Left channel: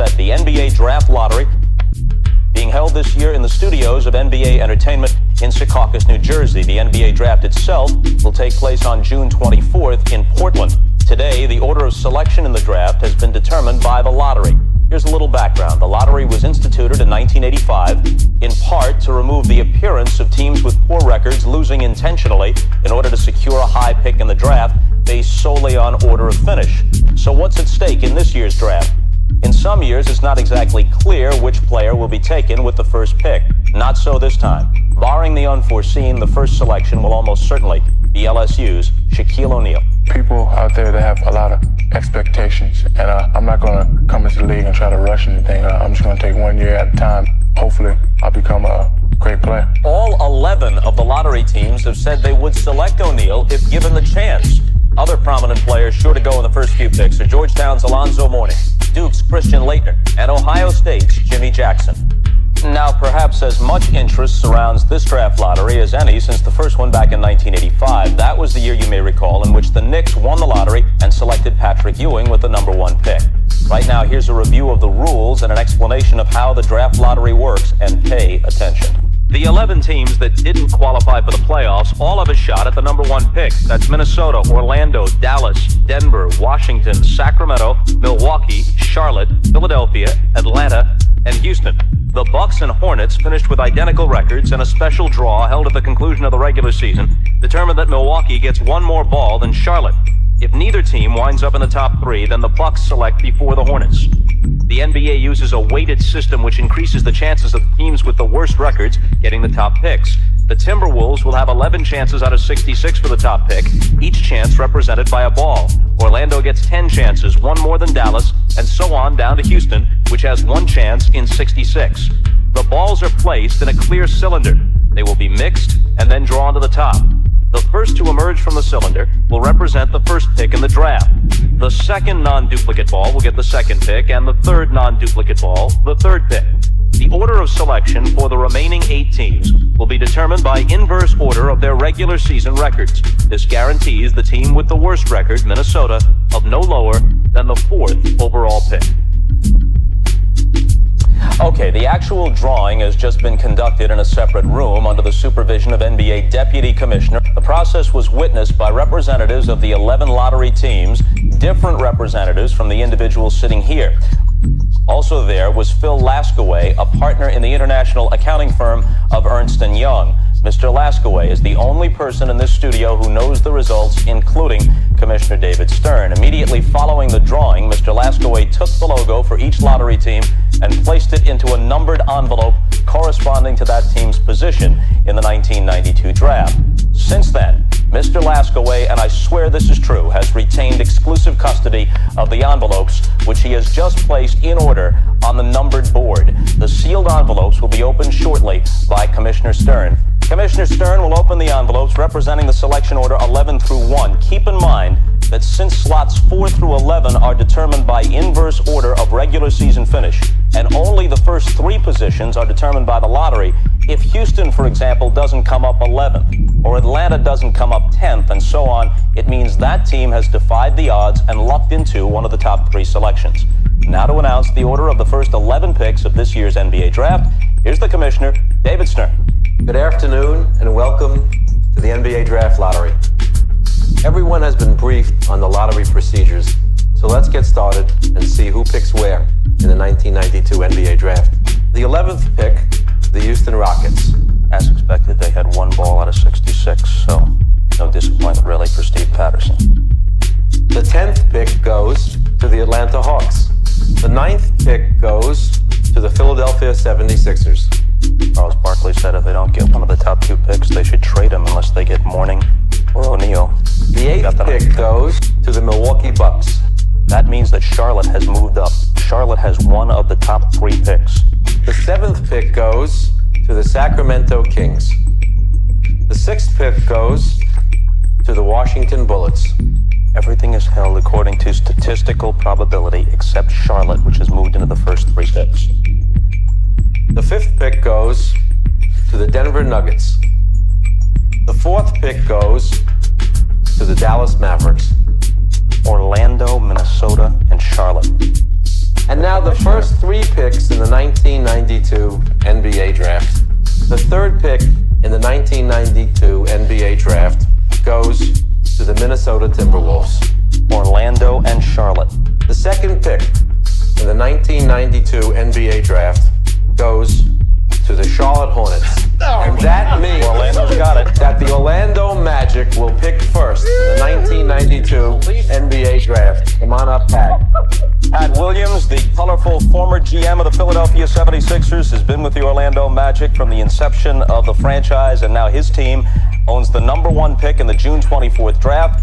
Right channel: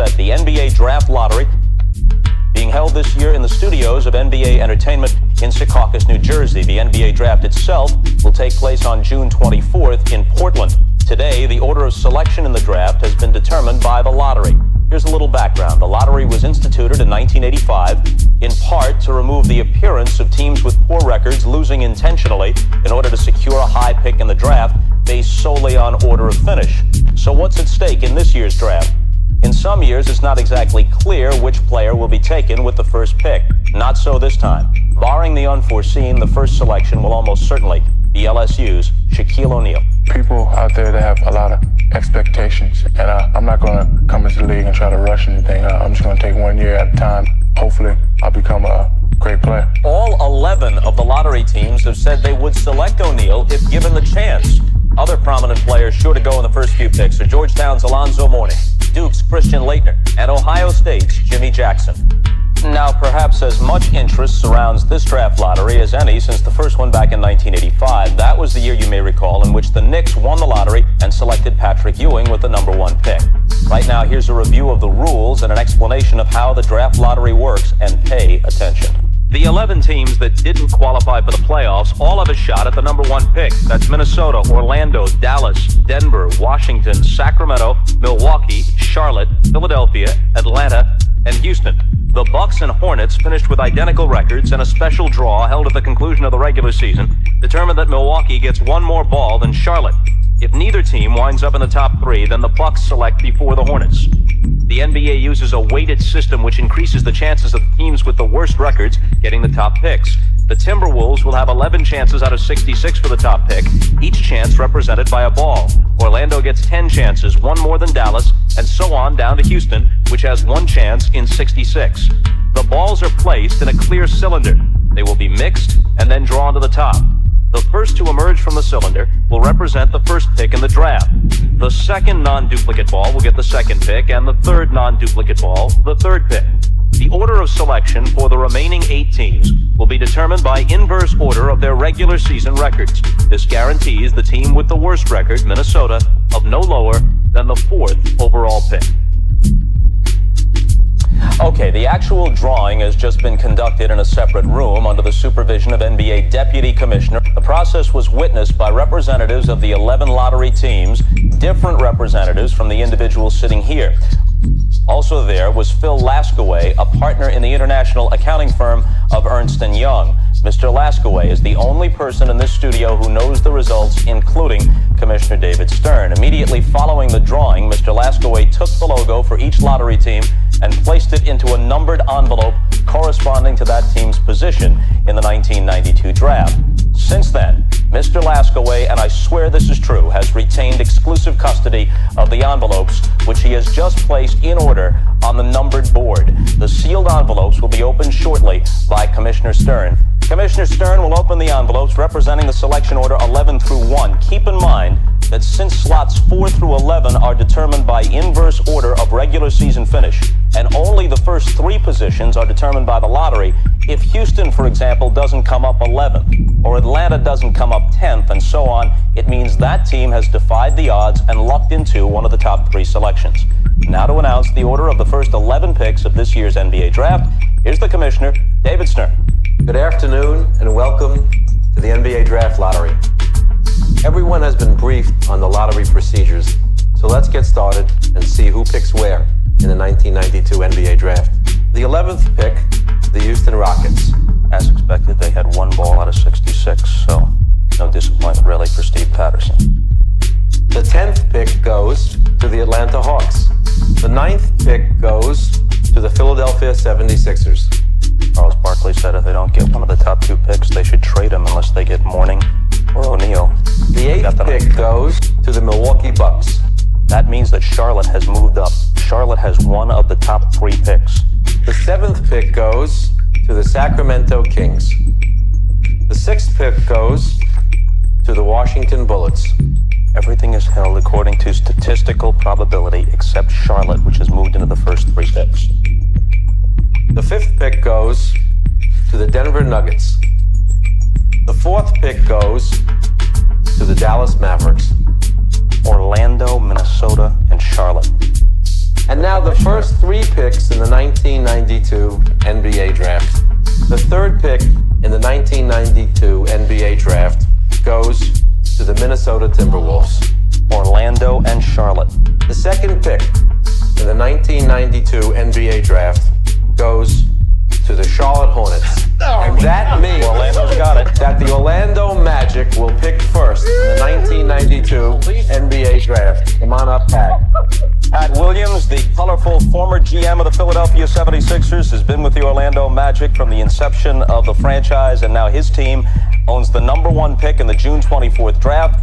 set. The NBA Draft Lottery being held this year in the studios of NBA Entertainment in Secaucus, New Jersey. The NBA Draft itself will take place on June 24th in Portland. Today, the order of selection in the draft has been determined by the lottery. Here's a little background. The lottery was instituted in 1985 in part to remove the appearance of teams with poor records losing intentionally in order to secure a high pick in the draft based solely on order of finish. So what's at stake in this year's draft? In some years, it's not exactly clear which player will be taken with the first pick. Not so this time. Barring the unforeseen, the first selection will almost certainly be LSU's Shaquille O'Neal. People out there that have a lot of expectations, and I'm not going to come into the league and try to rush anything. I'm just going to take 1 year at a time. Hopefully, I'll become a great player. All 11 of the lottery teams have said they would select O'Neal if given the chance. Other prominent players sure to go in the first few picks are Georgetown's Alonzo Mourning, Duke's Christian Laettner, and Ohio State's Jimmy Jackson. Now, perhaps as much interest surrounds this draft lottery as any since the first one back in 1985. That was the year, you may recall, in which the Knicks won the lottery and selected Patrick Ewing with the #1 pick. Right now, here's a review of the rules and an explanation of how the draft lottery works, and pay attention. The 11 teams that didn't qualify for the playoffs all have a shot at the #1 pick. That's Minnesota, Orlando, Dallas, Denver, Washington, Sacramento, Milwaukee, Charlotte, Philadelphia, Atlanta, and Houston. The Bucks and Hornets finished with identical records, and a special draw held at the conclusion of the regular season determined that Milwaukee gets one more ball than Charlotte. If neither team winds up in the top 3, then the Bucks select before the Hornets. The NBA uses a weighted system which increases the chances of teams with the worst records getting the top picks. The Timberwolves will have 11 chances out of 66 for the top pick, each chance represented by a ball. Orlando gets 10 chances, one more than Dallas, and so on down to Houston, which has 1 chance in 66. The balls are placed in a clear cylinder. They will be mixed and then drawn to the top. The first to emerge from the cylinder will represent the first pick in the draft. The second non-duplicate ball will get the second pick, and the third non-duplicate ball, the third pick. The order of selection for the remaining 8 teams will be determined by inverse order of their regular season records. This guarantees the team with the worst record, Minnesota, of no lower than the 4th overall pick. Okay, the actual drawing has just been conducted in a separate room under the supervision of NBA Deputy Commissioner. The process was witnessed by representatives of the 11 lottery teams, different representatives from the individuals sitting here. Also there was Phil Laskaway, a partner in the international accounting firm of Ernst & Young. Mr. Laskaway is the only person in this studio who knows the results, including Commissioner David Stern. Immediately following the drawing, Mr. Laskaway took the logo for each lottery team and placed it into a numbered envelope corresponding to that team's position in the 1992 draft. Since then, Mr. Laskaway, and I swear this is true, has retained exclusive custody of the envelopes, which he has just placed in order on the numbered board. The sealed envelopes will be opened shortly by Commissioner Stern. Commissioner Stern will open the envelopes representing the selection order 11 through 1. Keep in mind that since slots 4 through 11 are determined by inverse order of regular season finish, and only the first 3 positions are determined by the lottery, if Houston, for example, doesn't come up 11th, or Atlanta doesn't come up 10th, and so on, it means that team has defied the odds and lucked into one of the top 3 selections. Now to announce the order of the first 11 picks of this year's NBA draft, here's the Commissioner, David Stern. Good afternoon and welcome to the NBA Draft Lottery. Everyone has been briefed on the lottery procedures, so let's get started and see who picks where in the 1992 NBA Draft. The 11th pick, the Houston Rockets. As expected, they had 1 ball out of 66, so no disappointment really for Steve Patterson. The 10th pick goes to the Atlanta Hawks. The 9th pick goes to the Philadelphia 76ers. Charles Barkley said if they don't get one of the top 2 picks, they should trade him unless they get Mourning or O'Neal. The 8th pick goes to the Milwaukee Bucks. That means that Charlotte has moved up. Charlotte has one of the top 3 picks. The 7th pick goes to the Sacramento Kings. The 6th pick goes to the Washington Bullets. Everything is held according to statistical probability except Charlotte, which has moved into the first 3 picks. The 5th pick goes to the Denver Nuggets. The 4th pick goes to the Dallas Mavericks. Orlando, Minnesota, and Charlotte. And now the first 3 picks in the 1992 NBA draft. The third pick in the 1992 NBA draft goes to the Minnesota Timberwolves, Orlando, and Charlotte. The second pick in the 1992 NBA draft goes to the Charlotte Hornets. And that means that the Orlando Magic will pick first in the 1992 NBA draft. Come on up, Pat. Pat Williams, the colorful former GM of the Philadelphia 76ers, has been with the Orlando Magic from the inception of the franchise, and now his team owns the #1 pick in the June 24th draft.